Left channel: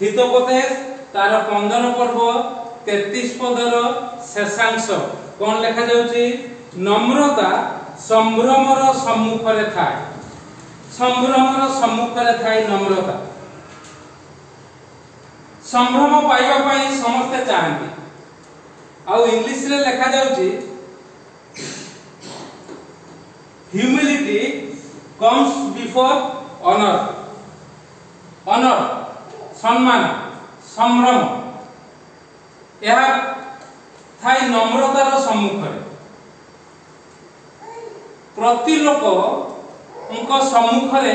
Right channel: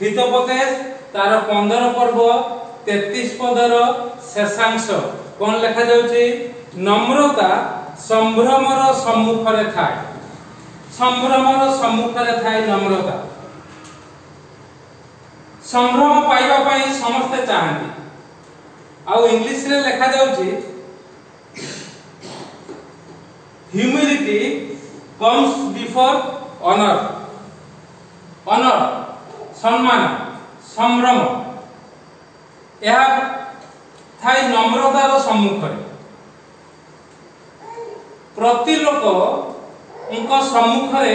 हितोपदेश तार 15 पर्व 33 पदर शेषांश कौन लिखा जाउची नम्रता संभ्रमर सम्मुखरे थाए संभ्रमर सम्मुखरे थाए नम्रता संभ्रम पाइबा पाई समस्त चाहती आ इंग्लिश रे लिखा जाउची humility comes before honour honour सम्मान संभ्रम यह थाई नम्रतार सम्मुखरे प्रति लोक उनका सम्मुखरे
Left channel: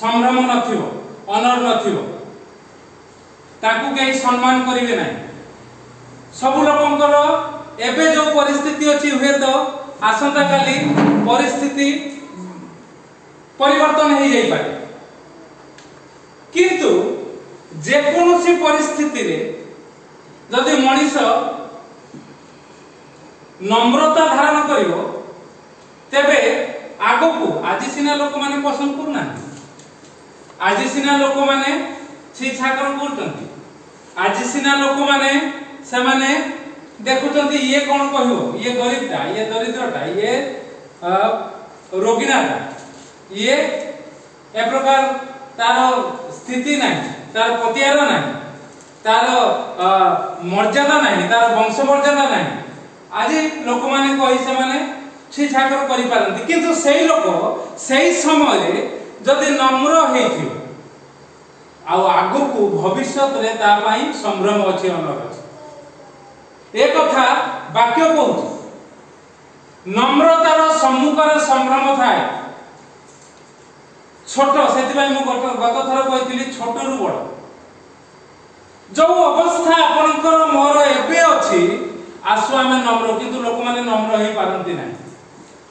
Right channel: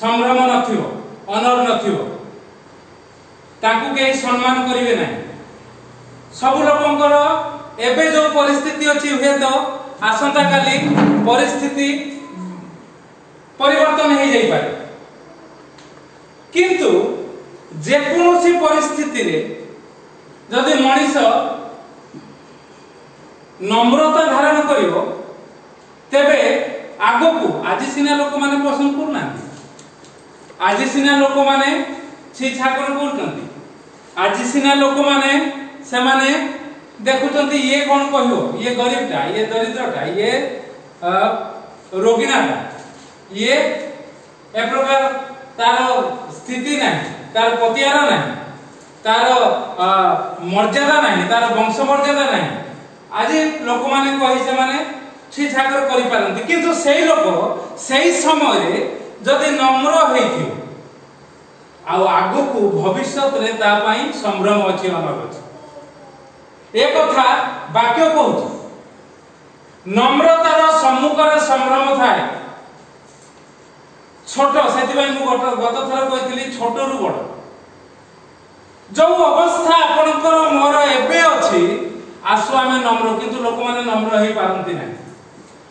संभ्रम नथिबो ऑनर नथिबो ताकू केही सम्मान करिवे नाही सब लोकंकर एबे जो परिस्थिति अछि हुए तो आसंता काली परिस्थिति परिवर्तन हो जाई पारे किंतु जे कोनोसी परिस्थिति रे जदि मनीष नम्रता धारण करिवो तेबे आगो आज सिना लोक माने पसंद करना आज सिना लोक माने छी छाकर करछंती आज सिना लोक माने से माने देखुचंती ये कोन कहियो ये गरीबटा ये दरिद्रटा ये रोगिनाटा ये ए प्रकार तार स्थिति नहीं तार पतियार नहीं तार मर्यादा नहीं तार वंश मर्यादा नहीं आज लोक माने कहि से माने छी छाकर करि पारंती किंतु सेही लोक सेही समय रे जदि नम्र हेथियो आ आगु को भविष्यत रे ता पई संभ्रम अछि अनर अछि एक कथा वाक्य कहू नम्रतार सम्मुखरे संभ्रम थाए छोट से गत थर कही छोट रु बड़ जो अवस्था आपणकर मोर एबे अछि आसु आमे नम्र किंतु लोक माने नम्र हे पारंती नाही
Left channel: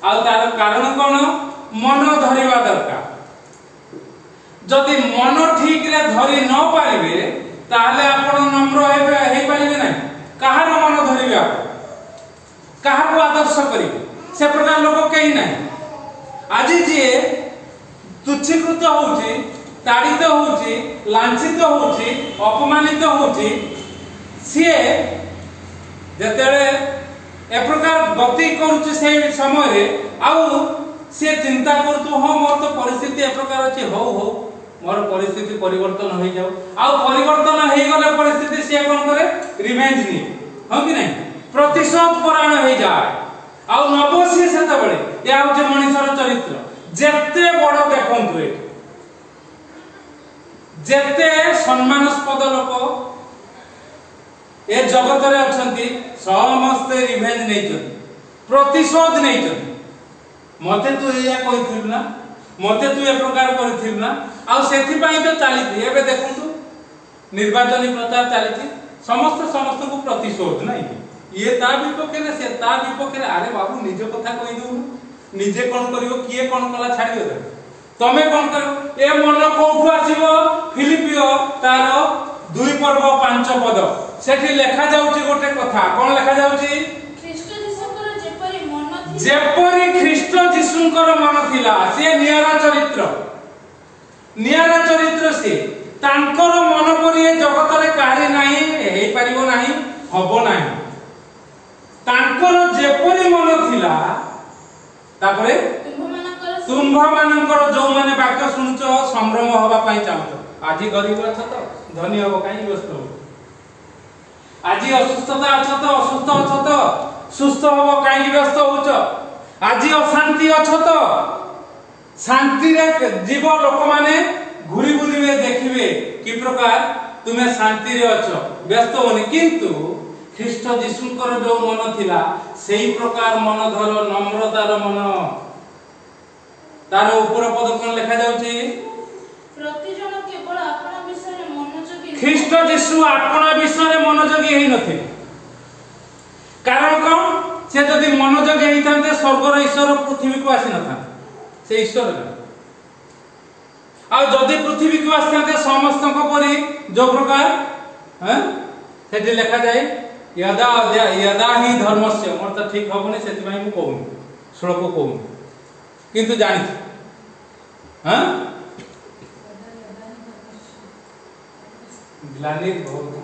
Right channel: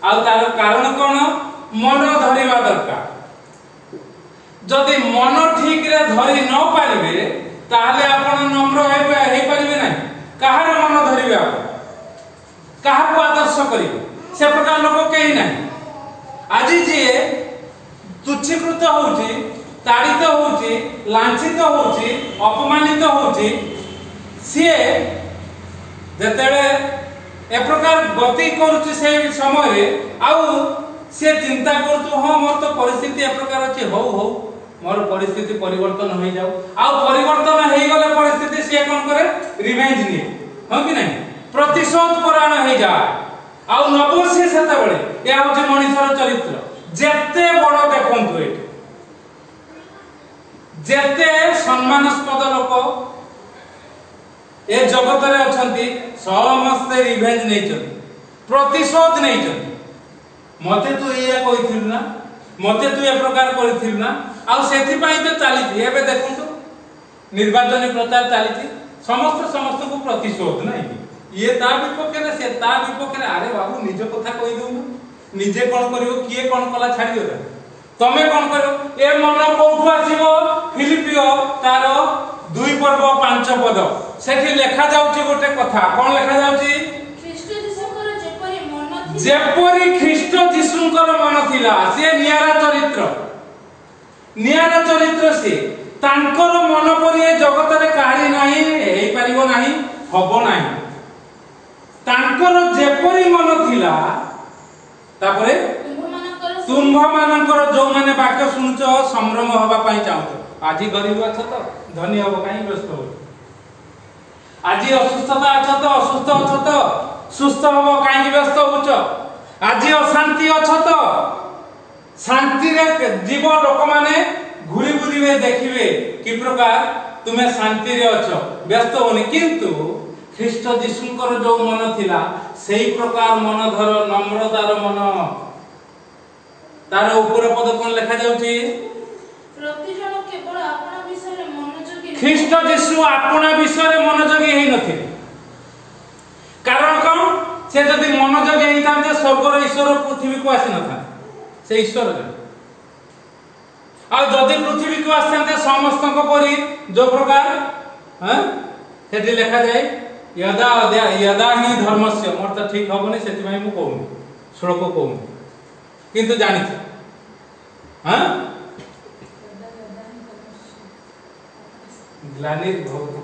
आ तार कारण कोन मन धरिबा दरकार जदि मन ठीक रे धरि न पारिबे ताले आपण नम्र हे पारिबे नाही कहार मन धरिबे आपण कहा को आदर्श करिबे से प्रकार लोक केही नाही आज जे तुच्छीकृत होउची ताड़ित होउची लांछित होउची अपमानित होउची सिए जेतेले ए प्रकार गति करूची से समय रे आउ से चिंता करतु हो मोर तो परिस्थिति ए प्रकार अछि हो मोर परिस्थिति परिवर्तन हो जाऊ आउ परिवर्तन हो गले परिस्थिति से कोन करे रिवेंज नि हो कि नहीं प्रतिशोध परायण हो जाए आउ नबसी सेते बेले या होची मनुष्यर चरित्र जेते बड़ देखंतु ए जेते सम्मानस्पद लोक ए जगत रे अछंती समस्त रिवेंज नै छथि प्रतिशोध नै छथि मते तू ये कहिथिल ना मते तू ए प्रकार करिथिल ना आ सेथि पई तो चालिथि एबे देखंतु निर्वाचन प्रचार चालिथि समस्त को प्रतिशोध नै ये ता विपक्ष रे से ता विपक्ष रे अरे बाबू निज कथा कहि दउ निजे कोन करियो किए कोन कला छाडी दे तमे कोन करियो ए मन कोठु आसीबो फिलिपियो तार 2 पर्व 5 पद सेठी लेखा जाउची गोटे कथा कोन लेखा जाउची ख्रीष्ट जीशुकर जेपरि मन थि जेपरि ख्रीष्ट जीशुकर मन थिला से नियारा चरित्र से तांकर मन परि ए जगत रे काहे नाही हेई परिबो नाही हबो नाही तांकर जेपरि मन थिला तापरे तुम्भ मानकर जो माने वाक्य सुनछ संभ्रम होबा पई चाहत आज गरीब अछ तो धनी होबो काई व्यस्त हो आज असुस्थता अछ तो असुस्थ अछ तो सुस्थ होबो काई व्यस्त होछ आज अशांति अछ तो शांति रे जीव लोक माने घुरी बुलीबे देखिबे कि प्रकार तुमे शांति रे अछ व्यस्त होनी किंतु ख्रीष्ट जीशुकर जो मन थिला सेही प्रकार मन धर नम्रतार मन तार ऊपर पद कोन लिखा जाउची प्रति जन केवल आपन विषय रे मनोयोगी ख्रीष्ट जीशु आपन विषय रे मनोयोगी हेई नथे कारण कोन से जदि मनोयोगी हेई थांते स्वर्गर ईश्वर पृथ्वी को आसी नथा से ईश्वर आ जदि पृथ्वी को आसते समस्त परी जो प्रकार सेठी लिखा जाए यदा ही धर्मस्य मोर तो ठीक हबनी सेति भाई मु कहूं श्लोक कहूं किंतु जानि ग्लानिर्भवतु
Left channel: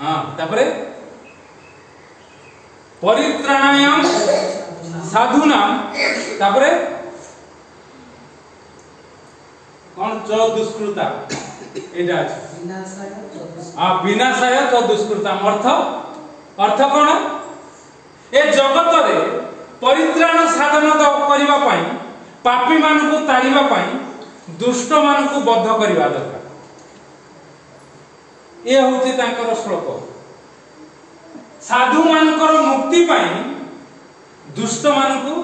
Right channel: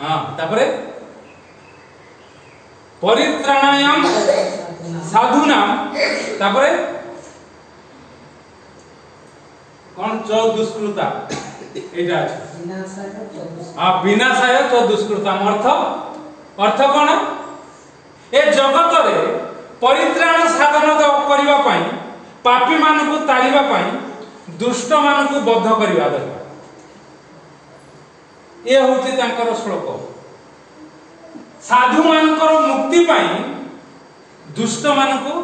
हाँ तापरे परित्राणायाम साधूनाम तापरे कौन च दुष्कृता एटा हाँ विनाशाय च दुष्कृता अर्थ कौन ए जगत रे परित्राण साधन करबा पई पापी मानकु तारिबा पई दुष्ट मानकु बद्ध करबा दरकार ये होची तांकर श्लोक साधु मानकर मुक्ति पई दुष्ट मानकु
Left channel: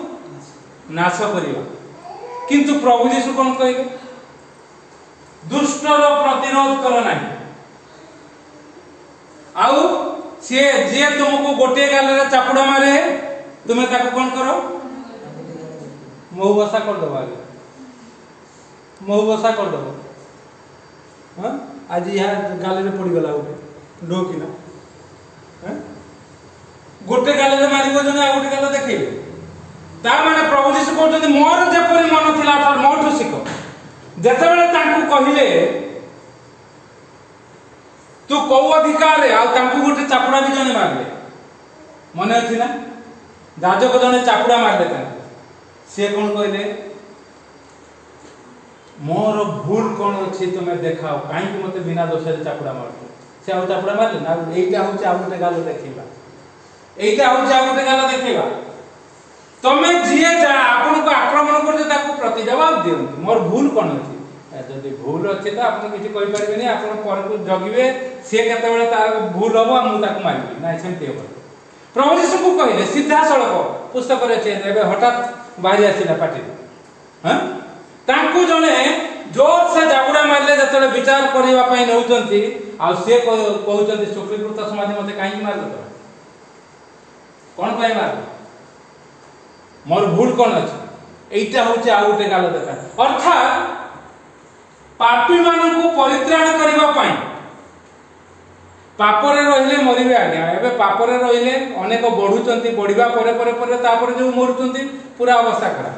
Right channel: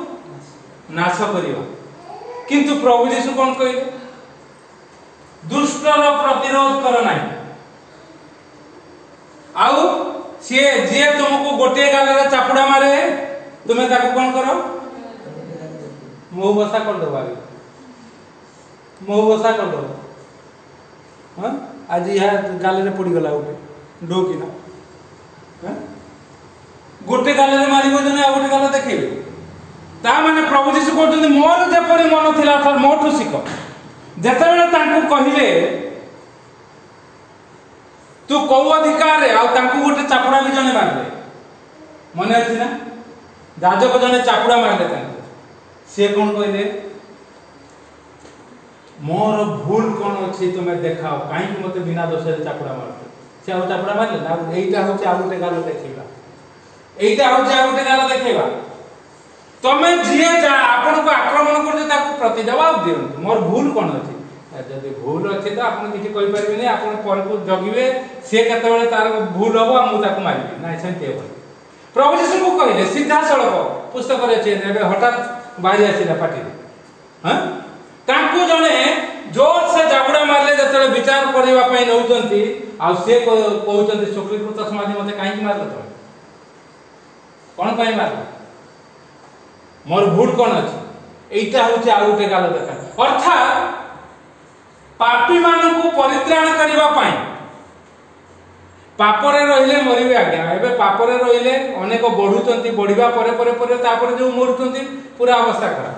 नाश करबा किंतु प्रभु यीशु कोन कहले दुष्टर प्रतिरोध कर नाही आउ से जे तुमको गोटे गाल रे चापुडा मारे तुम्हें ताको कोन करो मौबसा कर दो आगे मौबसा कर दो हां आज यह गाल रे पड़ी गला गोटे डो कि ना हां गोटे गाल रे मारिबो जने आ गोटे गाल देखिबे ता माने प्रभु यीशु कहते मोर जे परि मन थिला त मोठु सिख जेते बेले तांकु कहिले तू को अधिकार रे आ तांकु गोटे चापुडा भी जने मारले मने अछि ना राजक जने चापुडा मारले तांकु से कोन कहले मोर भूल कोन अछि तुमे देखाओ काई कि मते बिना दोष रे चापुडा मारले से आ चापुडा मारले ना एइटा होचे आ गोटे गाल देखिबा एइटा होचे आ गोटे गाल देखिबा तमे जिए जा आपन को आक्रमण करजे ताकू प्रति जवाब दियो मोर भूल कोन अछि जदि भूल अछि त आपन किछि कहि परबेनी आपन पर को जगिबे से केते बेले तार भूल होबो मु ताकू मारिबी ना सेंते हो प्रभु यीशु को कहले सीधा सड़क पुस्तक रे छै एबे हठात बाहरी आसीला पाटी हां तांकू जने जोर से जागुडा मारले जतले विचार करिवा पई नउचंती आ से कहउचंती सुकृत समाधि मते काई मारले तो कोन पई मारले मोर भूल कोन अछि एइटा होचे आ उटे गाल देखा अर्थात पापी मानकु परित्राण करिवा पई पापरे रहिले मरिबे आज्ञा एबे पापरे रहिले अनेक बढ़ुचंती बढ़िबा परे परे परे तापरे जो मरुचंती पूरा अवस्था खराब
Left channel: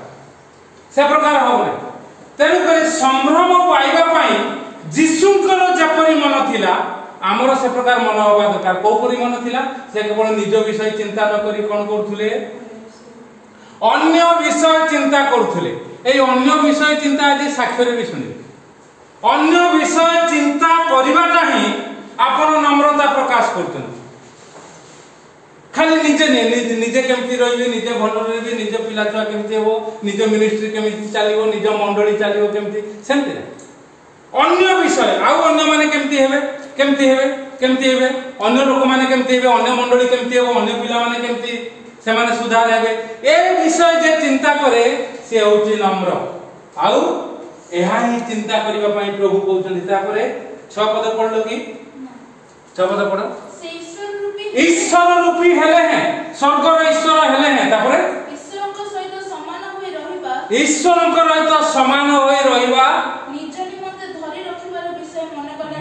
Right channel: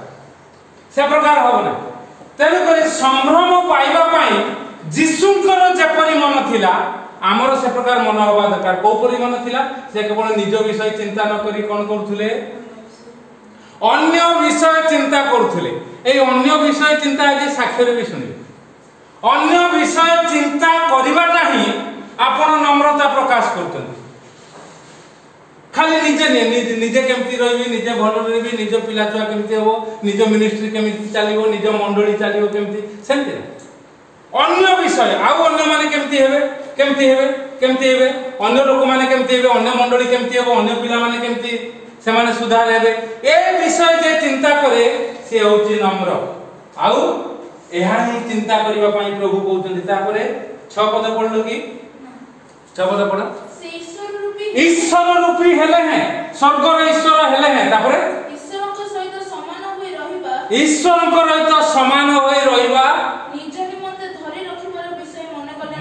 से प्रकार होबने तेनु करी संभ्रम पाइबा पई जीशुकर जेपरि मन थिला हमरो से प्रकार मन होबा दरकार को परि मन थिला से केवल निज विषय चिंता न करी कोन करथुले अन्य विषय चिंता करथुले ए अन्य विषय चिंता आज साक्षर भी सुनि अन्य विषय चिंता करिबाटा ही आपण नम्रता प्रकाश करतन खाली निजे केमती रहबे निजे भल रहबे निजे पिला छुआ केमती हो निजे मिनिस्ट्री केमती चलिबो निजे मंडली चलिबो केमती सेमती अन्य विषय आउ अन्य माने केमती हेबे अन्य लोक माने केमती हेबे अन्य मंडली केमती हेबो अन्य पिला माने केमती से माने सुधार हेबे ए विषय जे चिंता करे से होची नम्र आउ एहा ही चिंता करिबा पई प्रभु कहउछन तापरे 6 पद पढलो कि 6 पद पढ से ईश्वर रूपी हेले हैं स्वर्ग रे ईश्वर हेले हैं तापरे ईश्वर को सहित समान होई रहिबा ईश्वर को रहित समान होई रहिबा निज निमंते धरि रखिबार विषय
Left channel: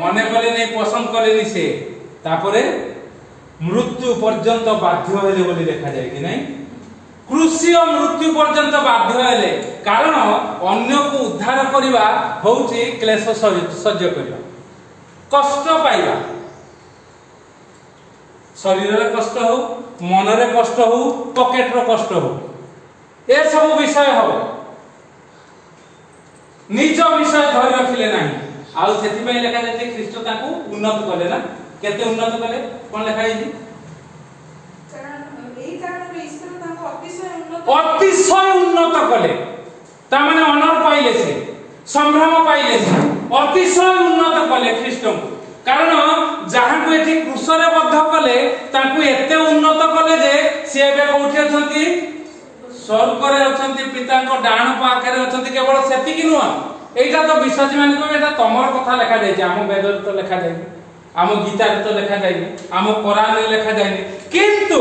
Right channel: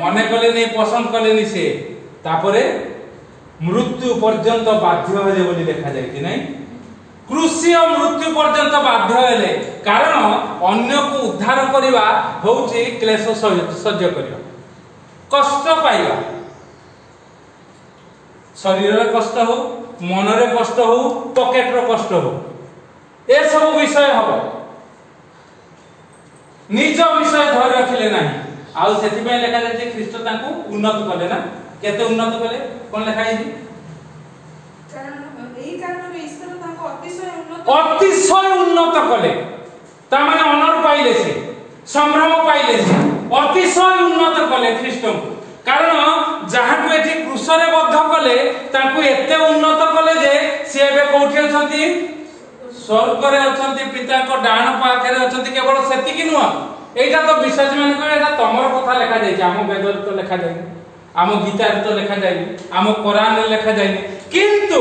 मने कले नै पसंद कले नि से तापरे मृत्यु पर्यंत बाध्य हेले बोली देखा जाय कि नै क्रूसीय मृत्यु पर्यंत बाध्य हेले कारण अन्य को उद्धार करिबा होउची क्लेश सह्य करिबा कष्ट पाइबा शरीर रे कष्ट हो मन रे कष्ट हो पॉकेट रे कष्ट हो ए सब विषय हो निज विषय धरि रखिले नाही आ सेति पे लेखा जाय ख्रीष्ट ताकू उन्नत कले ना केते उन्नत कले कोन लेखा आइजी कारण ईश्वर ताको अतिशय उन्नत कले ता माने ऑनर पाइले से संभ्रम पाइले से अतिशय उन्नत कले ख्रीष्ट कारण जहां को एठी क्रूस रे बद्ध कले ताकू एते उन्नत कले जे से एबे कोठी अछंती स्वर्ग रे अछंती पिता को डाण पाखे रे अछंती केवल सेति कि नुआ एटा तो विश्वासी मान को एटा तमर कथा लेखा जाय हम वेद रे तो लेखा जाय आम गीता रे तो लेखा जाय आम कुरान रे लेखा जाय किंतु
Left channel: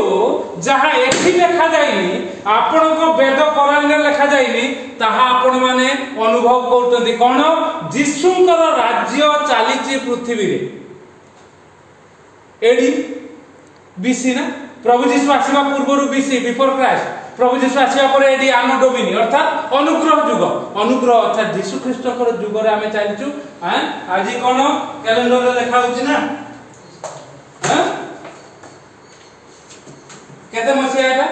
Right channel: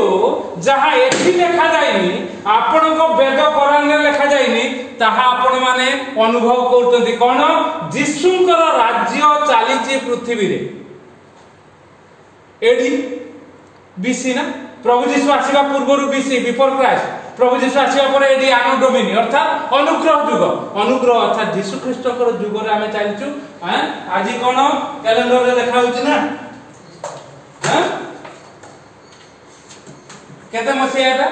जहां एठी लेखा जायनी आपण को वेद कुरान रे लेखा जायनी ताहा आपण माने अनुभव करतोंती कोन जीशुंकर राज्य चालीची पृथ्वी रे एडी बीसी ना प्रभु जीशु आसीबा पूर्वरु बीसी बिफोर क्राइस्ट प्रभु जीशु आसीबा पर एडी आनो डोमिनी अर्थात अनुग्रह युग अनुग्रह अर्थात जीशु ख्रीष्टकर युग रे आमे चालिचु हां आज कोन कैलेंडर रे देखा होची ना हां केते मसिया एटा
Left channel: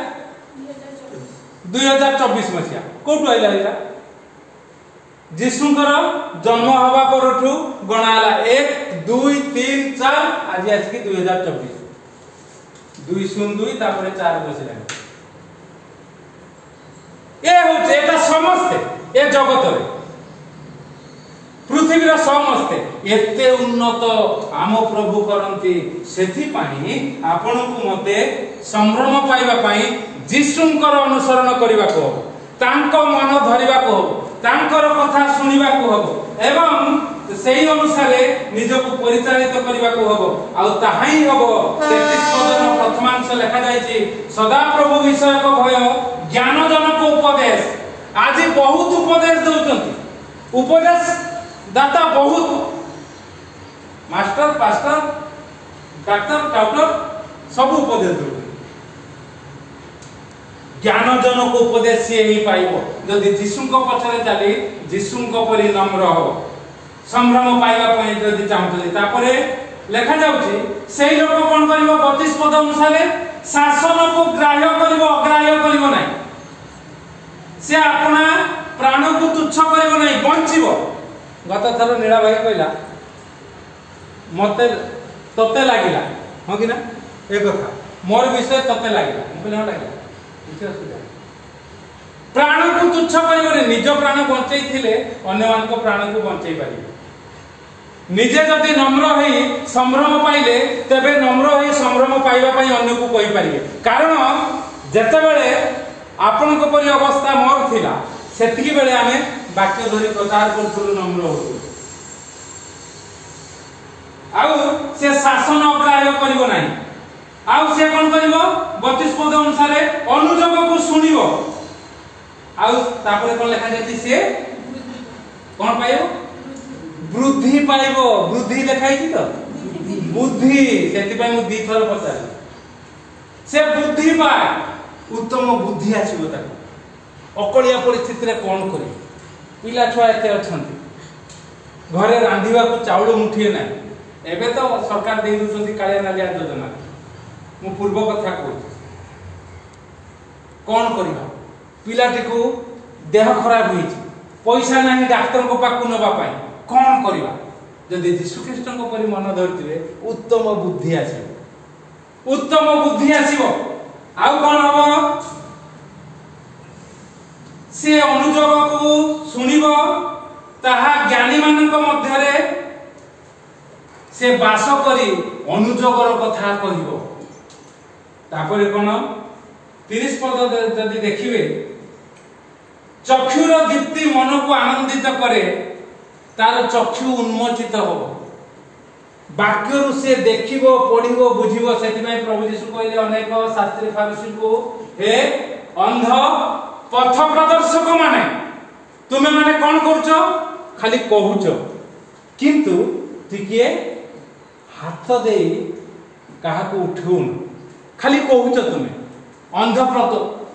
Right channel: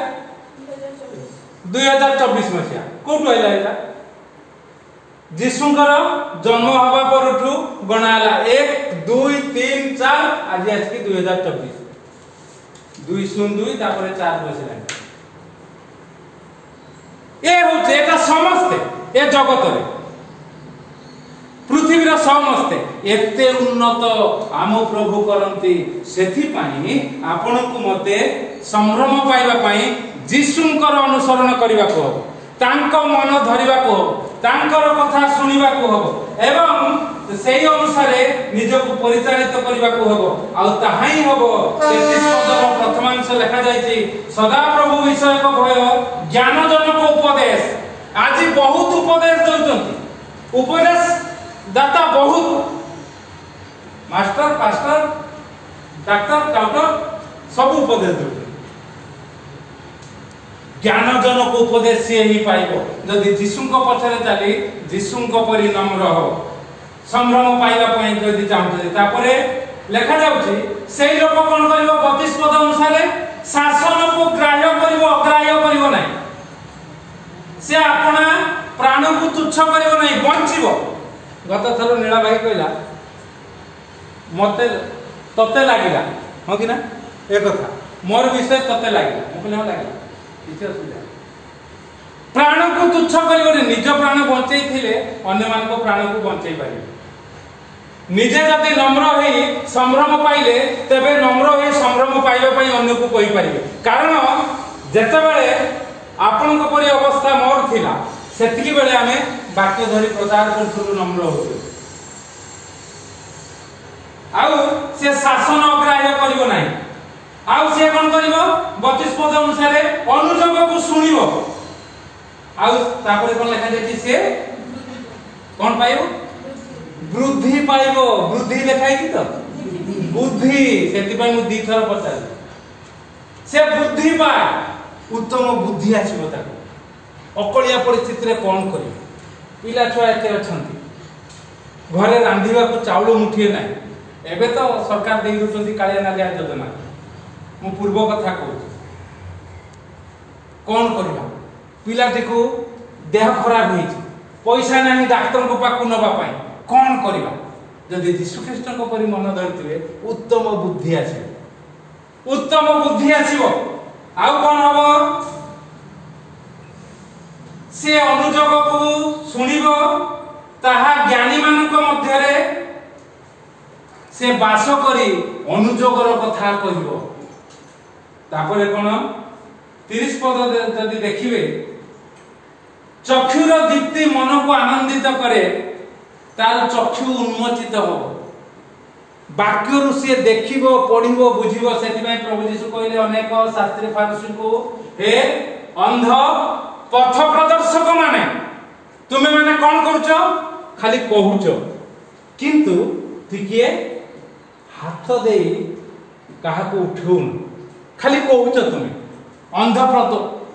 2024 मसिया कोठु आइला एटा जीशुंकर जन्म हवा परठू गणाला 1 2 3 4 आज आसकी 2024 202 तापर 4 बसिला ए होचे एटा समस्ते ए जगत रे पृथ्वी रे समस्ते एते उन्नत आम प्रभु करंती सेथि पानी आपन को मते संभ्रम पाइबा पई जीशुंकर अनुसरण करिबा को तांको मन धरिबा को तांकर कथा सुनिबा को हबो एवं सेही अनुसार निजको परिचालित करिबा को हबो आ ताहाई हबो 33 पदर प्रथमांश लिखा जायछि सदा प्रभु विषय को भय ज्ञान जनक उपदेश आज बहुत उपदेश दउचंती उपदेश दाता बहुत मास्टर पास्टर डॉक्टर डॉक्टर सब उपदेश दउ ज्ञान जनक उपदेश से ही पाइबो जदि जीशुंको पछरे चली जीशुंको परि नम्र हो संभ्रम पाइबा पई जदि चाहते तापरे लेखा जाउची सेही लोक कोन करिवो 32 पद अनुसार शासन को ग्राह्य करिवो अग्राह्य करिवो नै से अपना प्राण को तुच्छ करिवो नै बंचिवो गत थर नीला भाई कहला मते तते लागिला हो कि ना ए कथा मोर विषय तते लागिला म कहले लागिला प्राण को तुच्छ करिवने निज प्राण बंचै थिले अन्य मान को प्राण को बंचै पारिबे निजे जति नम्र हेई संभ्रम पाइले तबे नम्र हेई संभ्रम पाइबा पई अन्य को कहि पारिबे कारण जते बेले आपन को परि अवस्था मोर थिला सेतिकी बेले हमें वाक्य धरि प्रचार करथुरु नम्र होतु आउ से शासन अग्राह्य करिवो नाही आउ से कोन करिवो 32 पद अनुसार अनुजोग को सुनिवो आउ तापरे कोन लिखा जायछि से कोन पाइबो वृद्धि पाइबो वृद्धि लिखाई छि तो बुद्धि सेति पय मु दी थर पचार से बुद्धि पाए उत्तम बुद्धि आछिबो ताको अकलिया परिस्थिति रे कोन करि पिला छुआ एते अछंती घरे रांधिबा को चाउल मुठिए नै एबे तो सरकार देइ रुचंती कालिया नालिया योजना मु पूर्व कथा को कोन करबा पिलाटी को देह खराब होई पैसा नाही डॉक्टर को पाकु नबा पाई कोन करबा जदि यीशु ख्रीष्ट को परि मन धरतिले उत्तम बुद्धि आसीबो आउ कोन हबो से अनुजोग को सुनिबो ताहा ज्ञानी मानक मध्य रे से बास करी अनुजोगर कथा कहिबो तापरे कोन 30 पद जदि देखिबे चक्षुर दीप्ति मन को आनंदित करे तार चक्षु उन्मोचित हो वाक्य रु से देखिबो पढिबो बुझिबो सेति नै प्रभु यीशु कहले अनेक शास्त्री फरीसी को हे अंध पथ प्रदर्शक माने तुमे माने कोन करूचो खाली कहूचो किंतु टिके हाथ दे काहा को उठौन खाली कहूच तुम अंध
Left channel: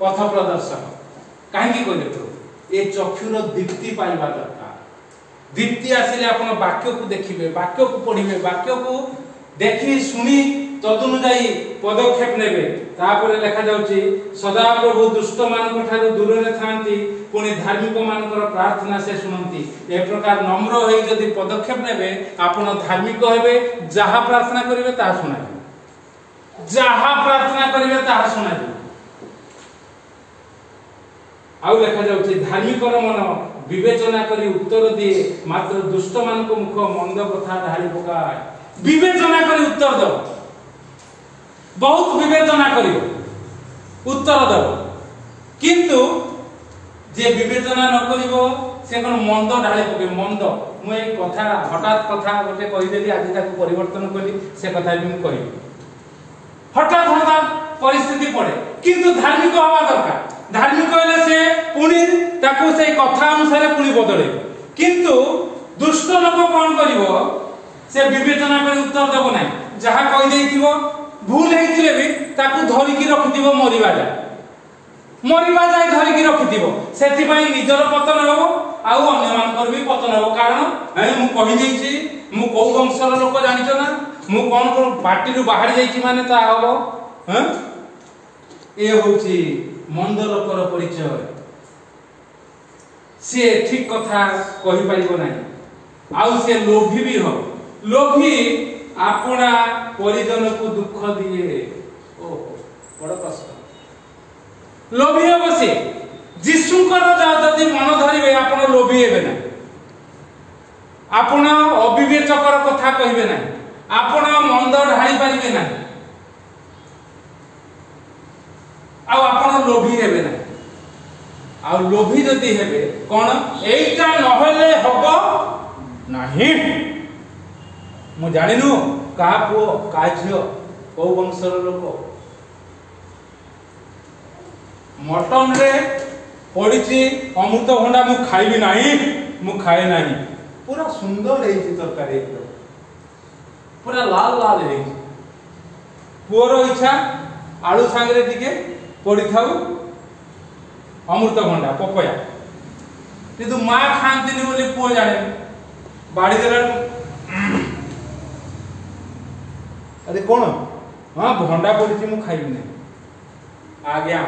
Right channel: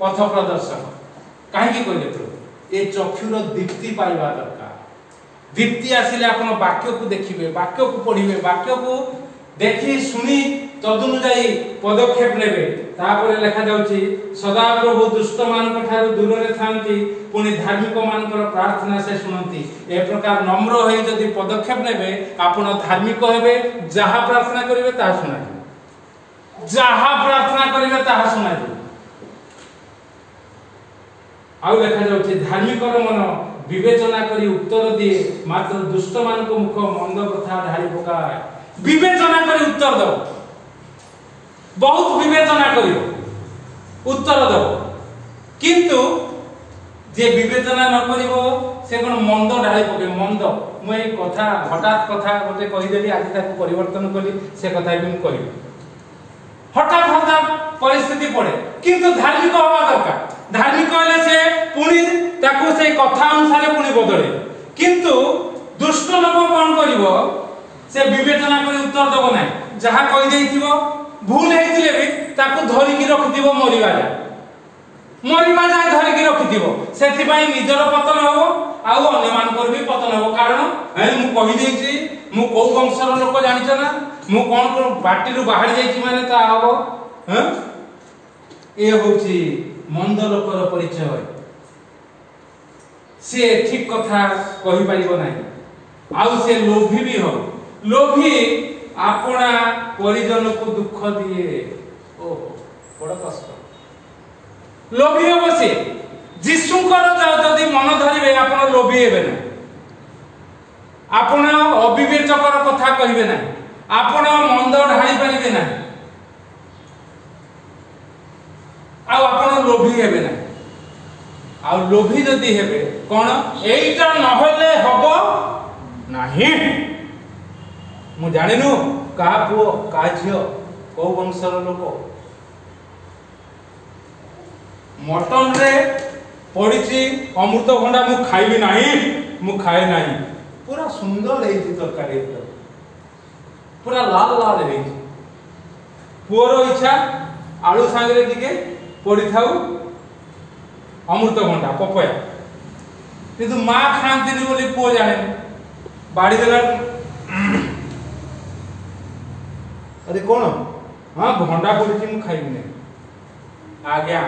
पथ प्रदर्शक कहीं कहले तो ए चक्षुर दीप्ति पाइबा दरकार दीप्ति आसिले अपन वाक्य को देखिबे वाक्य को पढ़िबे वाक्य को देखि सुनी तदनुसारी पदक्षेप नेबे तापर लिखा जाउची सदा प्रभु दुष्ट मानक ठारू दूर रे थांती पुनी धार्मिक मानकर प्रार्थना से सुनंती ए प्रकार नम्र होई जदि पदक्षेप नेबे आपण धार्मिक हेबे जहा प्रार्थना करिवे ता सुनाई जहा प्रार्थना करिवे ता सुनाई आउ लिखा जाउची धार्मिक मन विवेचना करी उत्तर दिए मात्र दुष्ट मानक मुख मंद कथा ढाली पकाय विवेचना करी उत्तर दो बहुत विवेचना करियो उत्तर दो किंतु जे विवेचना न करिवो से कोन मंद ढाली पके मंद मु ए कथा हठात कथा गोटे कहि देली आज ताको परिवर्तन करी से कथा भी मु कहि हठात परिस्थिति पड़े किंतु धार्मिक होवा दरकार धार्मिक कहले से पुनी ताको से कथा अनुसार पुनी बदले किंतु दुष्ट लोक कोन करिवो से विवेचना करी उत्तर देबो नै जहा कहि देइथिवो भूल हेतिले भी ताको धरि की रखिथिवो मरिबा जाय धरि की रखिथिवो सेति पई निजर पतन होबो आउ अन्य मानकर भी पतन हो कारण मु कहि देछि मु को वंशर लोक जानिछ ना मु कोन को पार्टी रु बाहर जाइछि माने ता हबो हैं ए होछि मंद लोकर परिचय से ठीक कथा कहि पाइबो नाही आउ से लोभी भी हो लोभी आपना परिजन को दुख दिए ओ बड़ कष्ट लोभी हो से जीशुकर जदि मन धरिबे आपण लोभी हेबे ना आपण अविवेचकर कथा कहिबे ना आपण मंद ढाई पारिबे ना आ आपण लोभी हेबे ना आ लोभी जदि हेबे कोन एइटा नहले हबो नाही मु जानिनु का पुओ का झियो को वंशर लोक मटन रे पड़िछि अमृतभंडा मु खाइबी नाही मु खाए नाही पूरा सुंदर है तरकारी पूरा लाल लाल है पुअर इच्छा आलू सांगरे टिके पड़ी थाउ अमृतभंडा पपया किंतु माँ खाती बोली पुओ जाने बाड़ी देला अरे कौन हाँ भंडा पड़ी मु खाइबी नहीं आज्ञा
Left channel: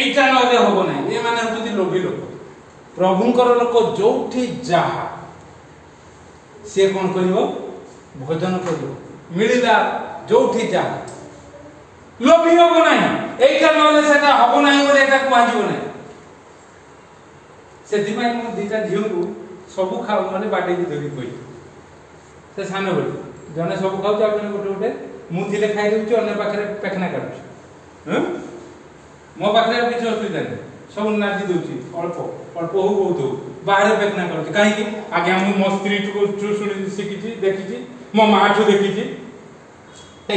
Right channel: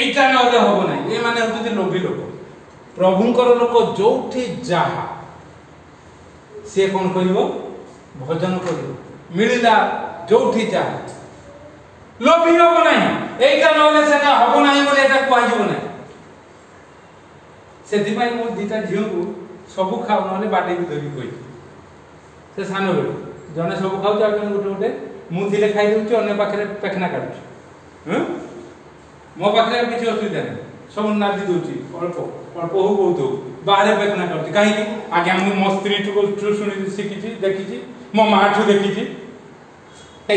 এইটা নহলে হবো না এ মানে হচ্ছে লোভী লোক প্রভুঙ্কর লোক যোউঠি যাহা সে কোন করিব ভজন করিব মিলিলা যোউঠি যাহা লোভী হবো না এইটা নহলে সেটা হবো না বলে এটা কুয়াଯିব না সেদিপাই মু দুইটা ঝিওকু সবু খাও নহলে বাটে भी ধরি কই সে সানো বেল জনে সবু খাও আর জনে গোটে গোটে মু থিলে খাই দেউছি অন্য পাখরে পেখনা কাটুছি হ্যাঁ मो पाखे किसी असुविधा नहीं सब नाची दूसरी अल्प अल्प हो बहुत हो बाहर पेखना कर कहीं आगे मो स्त्री ठू शुणी शिखी देखी मो माँ ठू देखी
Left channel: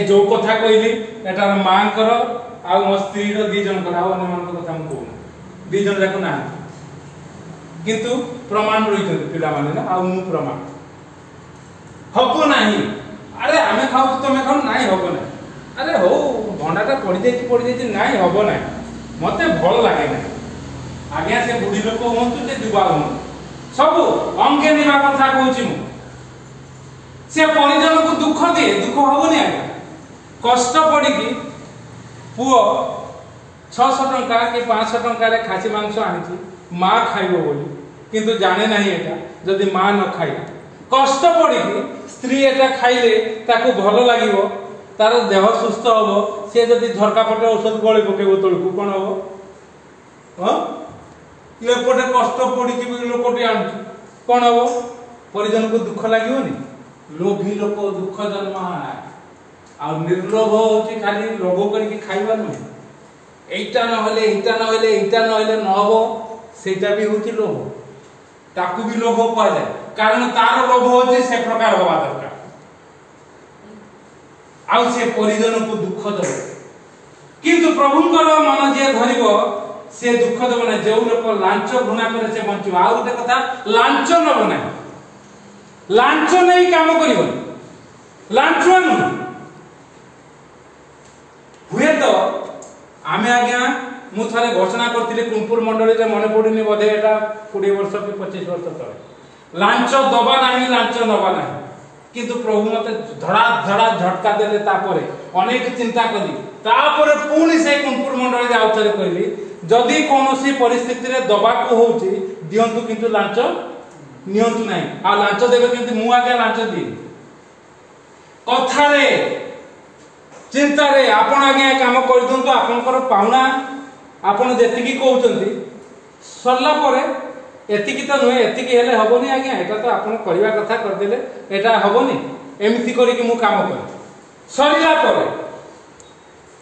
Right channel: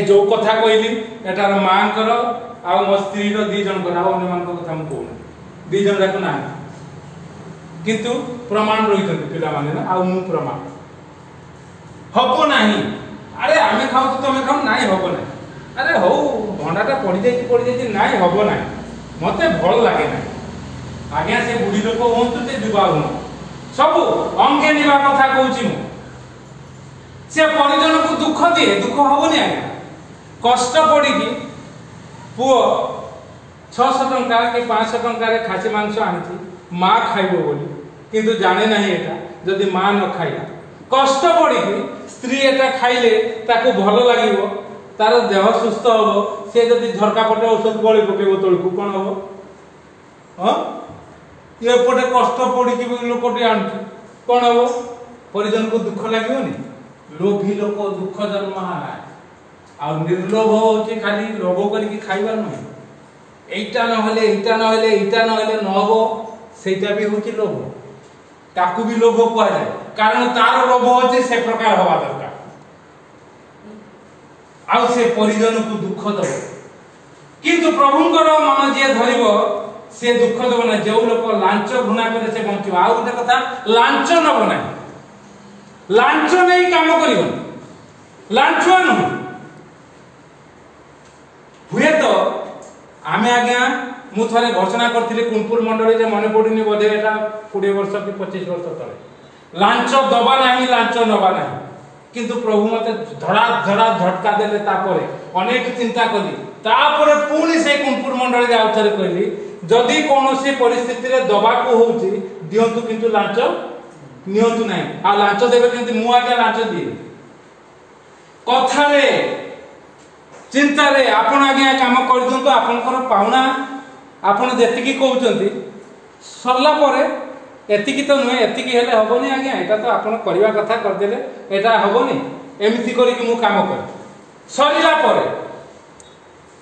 जो कथा कहली एटार माँ कर आ मो स्त्री दी जन अन्य मान कथा मुझे कहूना दी जन जाक ना किंतु प्रमाण रही पिला माने ना आ मु प्रमाण हबो नहीं अरे आमे खाऊ तुम खाऊ ना हबो ना अरे हो भंडाटा पड़ जाए ना हबो ना मते भल लागे ना आज्ञा से बुढ़ी लोक हूँ से युवा हूँ सब अंगे निवा कथा कहूँ से परिजन को दुख दिए दुख हबनी आज्ञा कष्ट पड़ी पुओ 600 टंका कि 500 टंका रे खासी मांस आनी माँ खाइबो बोली किंतु जाने नहीं एटा जदि माँ न खाइला कष्ट पड़ी स्त्री एटा खाइले ताको भल लागिवो तार देह सुस्थ हम से जदि झरका पटे औषध गली पकेब तलू कौन हम हाँ ये पटे कष्ट पड़ी लोकटी आणुची कौन हम परिजन को दुख लगे लोभी लोक दुख जन्म आ निर्लोभ होची खाली लोभ करके खाइबार नुहे एटा नहले नहब सेटा भी होची लोभ ताकू भी लोभ कह जाए कारण तार लोभ होची से प्रकार हवा दरकार आउ से परिजन को दुख दब किंतु प्रभुंकर मन जे धरिबो से दुख दब ना जो लोक लांच घृणा करे से बंचिब आ गोटे कथा लांच नब ना लांच नहीं काम करिबो लांचुआ नु हुए तो आमे आज्ञा मु थरे घोषणा करथिले कुनपुर मंडली रे मने पडुनी बोधे एटा 20 वर्ष कि 25 वर्ष तले लांच दबा नाही लांच नबा नाही किंतु प्रभु मते धड़ा धड़ा झटका देले तापरे अनेक चिंता कली तापरे पुणी से कुनपुर मंडली रे आउथरे कहली जदि कोनोसी परिस्थिति रे दबा को होउची दियंतु किंतु लांच नियंतु नाही आ लांच देबे किंतु मु आगे लांच दी कथा रे चिंता रे आपण आगे काम कर दियंतु आपनकर पाउना आपण जेतिकी कहउचंती सरला परे एतिकी तो नुहे एतिकी हेले हबनी आज्ञा एटा तो आपण करबा कथा कर देले एटा हबनी एमिति करी कि मु काम कर सरीला परे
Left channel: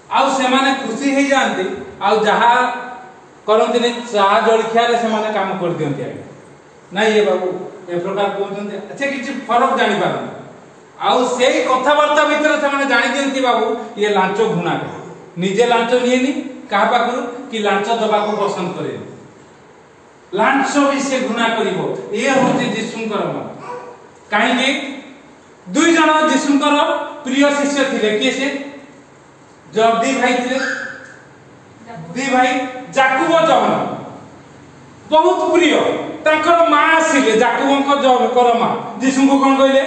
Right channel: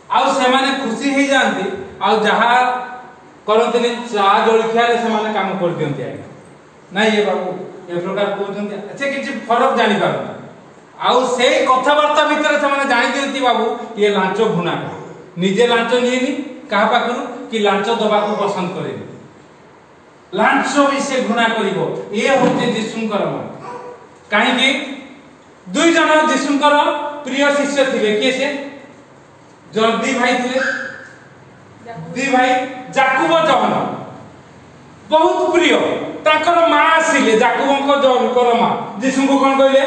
आउ से माने खुशी हे जानती आउ जहा करंतनी चा जळखिया रे से माने काम कर दियंती आज्ञा नाही ये बाबू ए प्रकार कहउचंती अच्छा किछि फरक जानि पाबो आउ से कथा वार्ता भीतर से माने जानि दियंती बाबू ये लांच घुना निजे लांच नियेनी कहा पाखरु कि लांच दबा को पसंद करेनी लांच भी से घृणा करिवो ये होते जीशुंकर मन काहे दुई जन जीशुंकर प्रिय शिष्य थिले के से जो दी भाई थिले दी भाई जाकुब जहन बहुत प्रिय ताकर माँ आसिले जाकुबंक जकर माँ यीशु को कौन कहले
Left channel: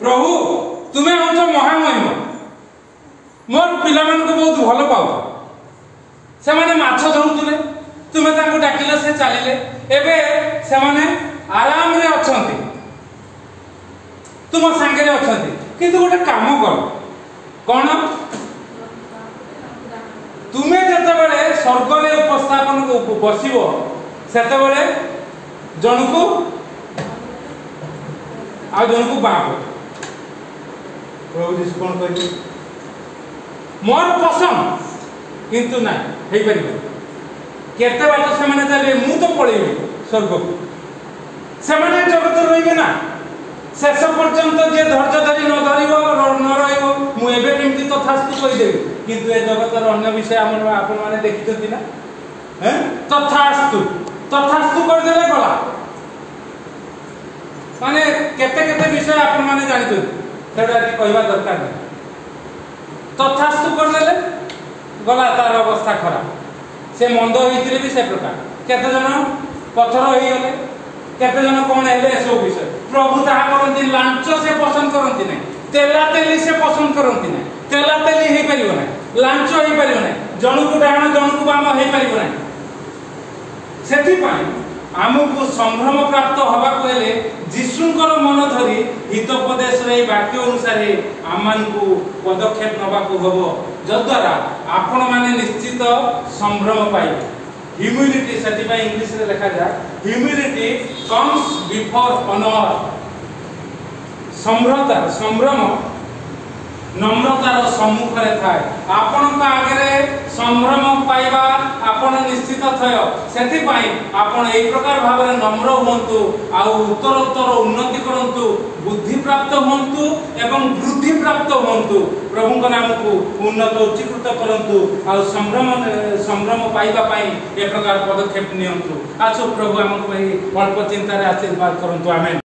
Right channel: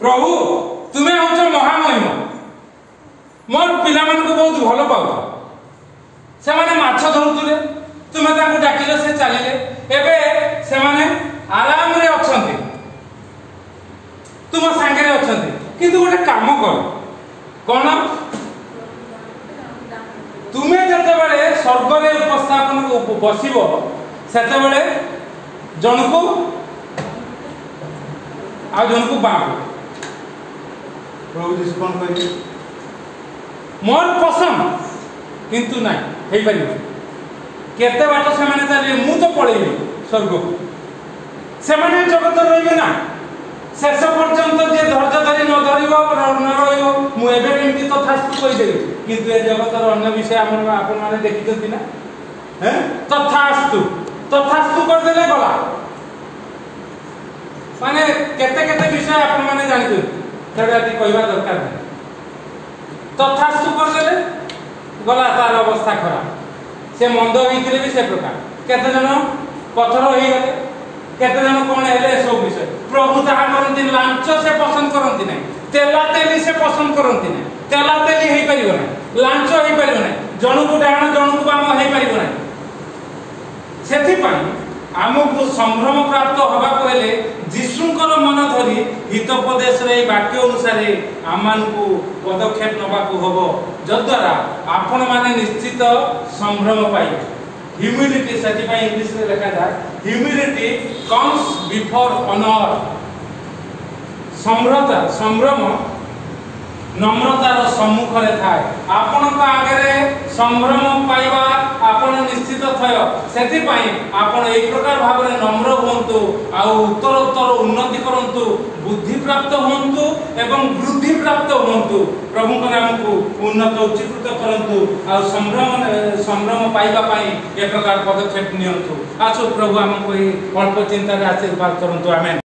प्रभु तुम्हें हूँ महामहिम मोर पिला मान को बहुत भल पाऊ से माने माछ धरुले तुम्हें तांको डाकिले से चलिले एबे से माने आराम रे अछंती तुम सांगे रे अछंती किंतु गोटे काम कर कौन तुम्हें जतबेले स्वर्ग रे उपस्थापन को बसिबो सेतबेले जनकु आ जनकु बाप प्रभु यीशु कोन कहले मोर पसंद किंतु ना हे परिबो केते बात से माने चले मु तो पळेबी स्वर्ग को से माने जगत रहिबे ना शेष पर्यंत जे धैर्य धरी न धरिबो न रहिबो मु एबे केमति तथास्तु कहि देबी किंतु ए जगतर अन्य विषय आपण माने देखिछथि ना हैं तथास्तु तथास्तु कर देले गला माने केते केते विषय आपण माने जानि छ सेडा कहबा दरकार नहीं तथास्तु कर देले गला तार अवस्था खराब से मंद होइतिले भी से प्रकार केते जन पत्थर होई गले केते जन कोन हेले सब विषय प्रभु ता करंती लांच से पसंद करंती नहीं तेला तेली से पसंद करंती नहीं तेला तेली हे परिबो नहीं लांच हे परिबो नहीं जनकु डाहण जनकु बाम हे परिबो नहीं सेथि पई आमको संभ्रम प्राप्त होबा को हेले यीशुंकर मन धरी हितोपदेश रे वाक्य अनुसार आमानकु पदक्षेप नबा को होबो जद्वारा आपण माने निश्चित संभ्रम पाइबे ह्यूमिलिटी सेथि पई इंग्लिश रे लिखा जाय ह्यूमिलिटी कम्स बिफोर ऑनर सम्रता संभ्रम नम्रतार सम्मुख रे थाए आपण आगे संभ्रम पाइबा आपण निश्चित थय सेथि पई आपण एई प्रकार भाव रे नम्र होंतु आ उत्तरोत्तर उन्नति करंतु बुद्धि प्राप्त होंतु एवं वृद्धि प्राप्त होंतु प्रभु को नाम को उन्नत उच्चीकृत करंतु आ संभ्रम पाइबा पई ए प्रकार पदक्षेप नियंतु आसु प्रभु हमको अल्प चिंता रे आशीर्वाद करंतु आमेन।